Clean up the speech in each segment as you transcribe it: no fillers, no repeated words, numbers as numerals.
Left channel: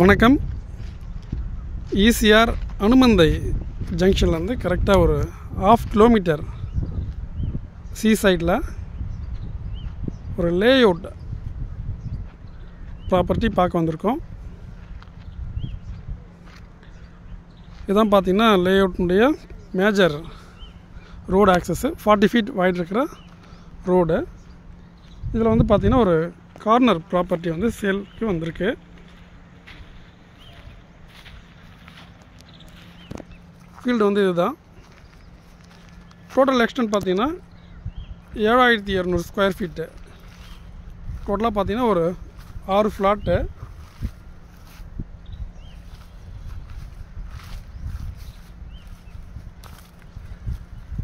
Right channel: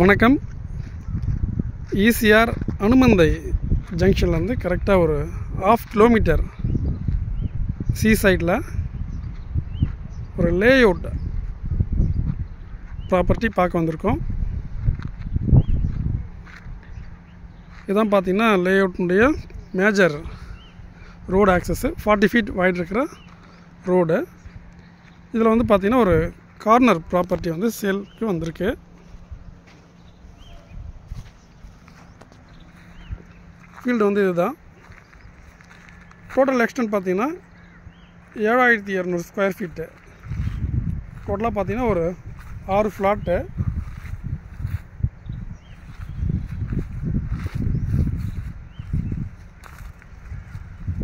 வணக்கம். ஈசிஆர் அனுமந்தை ஜங்ஷன்லேருந்து கரெக்டாக ஒரு 1/2 கிலோமீட்டர் சீ சைடில் ஒரு லேஅவுட் ப்ராப்பர்ட்டி பார்க்க வந்திருக்கோம். இதான் பார்த்திங்கன்னா லேஅவுட்னுடைய major road access 40 feet wide இருக்கிற ரோடு. இதில் வந்து பார்த்திங்கன்னா ஒரு கார்னர் ப்ராப்பர்ட்டி வந்து சேலுக்கு வந்திருக்கு. ஃபீல்டு வந்து இதுதான். டோட்டல் எக்ஸ்டென்ட் பார்த்திங்கன்னா 7200 ஸ்கொயர் ஃபீட்டு. டோட்டலாக பார்த்திங்கன்னா ஒரு 6 ஃப்ளாட்டு.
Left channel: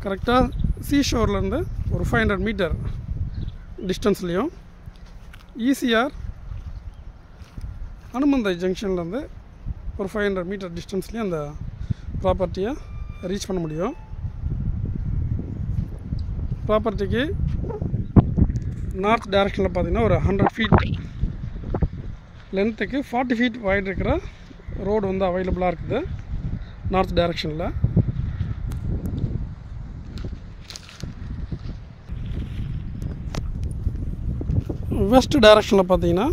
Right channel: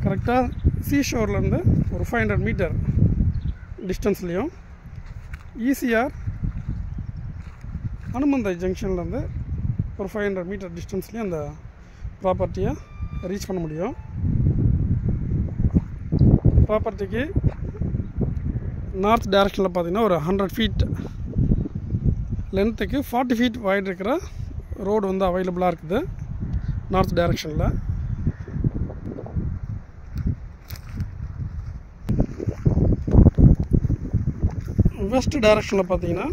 கரெக்டாக சீஷோர்லேருந்து ஒரு 500 மீட்டர் டிஸ்டன்ஸ்லேயும் ஈசிஆர் அனுமந்தை ஜங்ஷன்லேருந்து ஒரு 500 மீட்டர் டிஸ்டன்ஸ்லேயும் அந்த ப்ராப்பர்ட்டியை ரீச் பண்ண முடியும். ப்ராப்பர்ட்டிக்கு நார்த் டைரக்ஷனில் பார்த்திங்கன்னா ஒரு 100 ஃபீட் லென்த்துக்கு 40 ஃபீட் வைட் இருக்கிற ரோடு வந்து அவைலபிளாக இருக்குது நார்த் டைரக்ஷனில். வெஸ்ட் டைரக்ஷனில் பார்த்தீங்கன்னா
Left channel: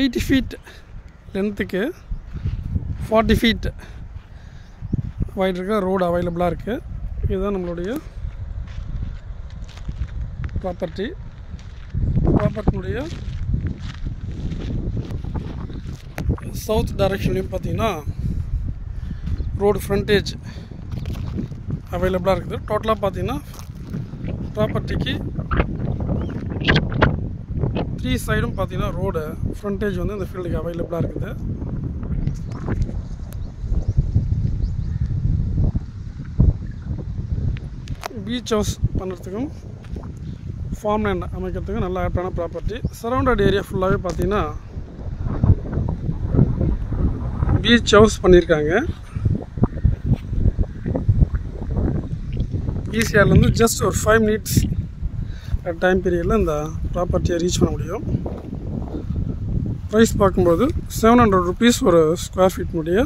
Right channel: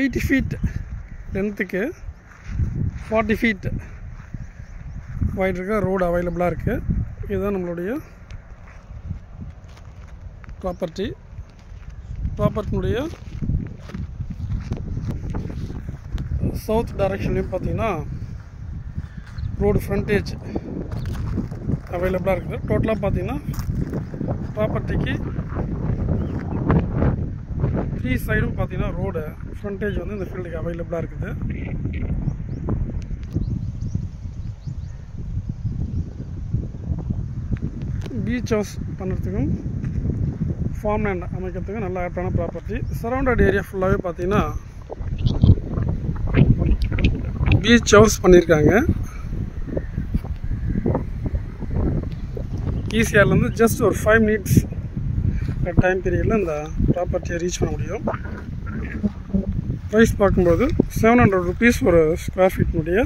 80 ஃபீட் லென்த்துக்கு 40 ஃபீட் வைட் இருக்கிற ரோடு அவைலபிளாக இருக்குது. இதுதான் நம்மளுடைய ப்ராப்பர்ட்டினுடைய சவுத் டைரக்ஷன்லேயும் பார்த்தீங்கன்னா ரோடு ஃப்ரண்டேஜ் அவைலபிளாக இருக்குது. டோட்டலாக பார்த்தீங்கன்னா ப்ராப்பர்ட்டிக்கு 3 சைடும் பார்த்தீங்கன்னா ரோடு ஃப்ரண்டேஜ் வந்து இந்த ஃபீல்டுக்கு அவைலபிளாக இருக்குது. பீச் ஹவுஸ் பண்ணுறதுக்கும் ஃபார்ம் லேண்ட் அமைக்கிறதுக்கும் நல்ல ஆப்டான ப்ராப்பர்ட்டி. சரௌண்டட் ஏரியா ஃபுல்லாகவே பார்த்தீங்கன்னா பீச் ஹவுஸ் பண்ணியிருக்காங்க. ஈசிஆர்லேருந்து ஜஸ்ட் ஒரு 5 மினிட்ஸ் டைம் பீரியடில் இந்த ப்ராப்பர்ட்டியை ரீச் பண்ண முடியும். ப்ரைஸ் பார்க்கும்போது 700 ருபீஸ் ஒரு ஸ்கொயர் ஃபீட்னுடைய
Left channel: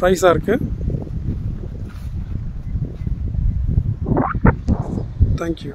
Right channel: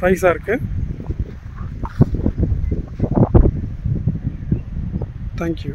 ப்ரைஸாக இருக்குது. தேங்க்யூ.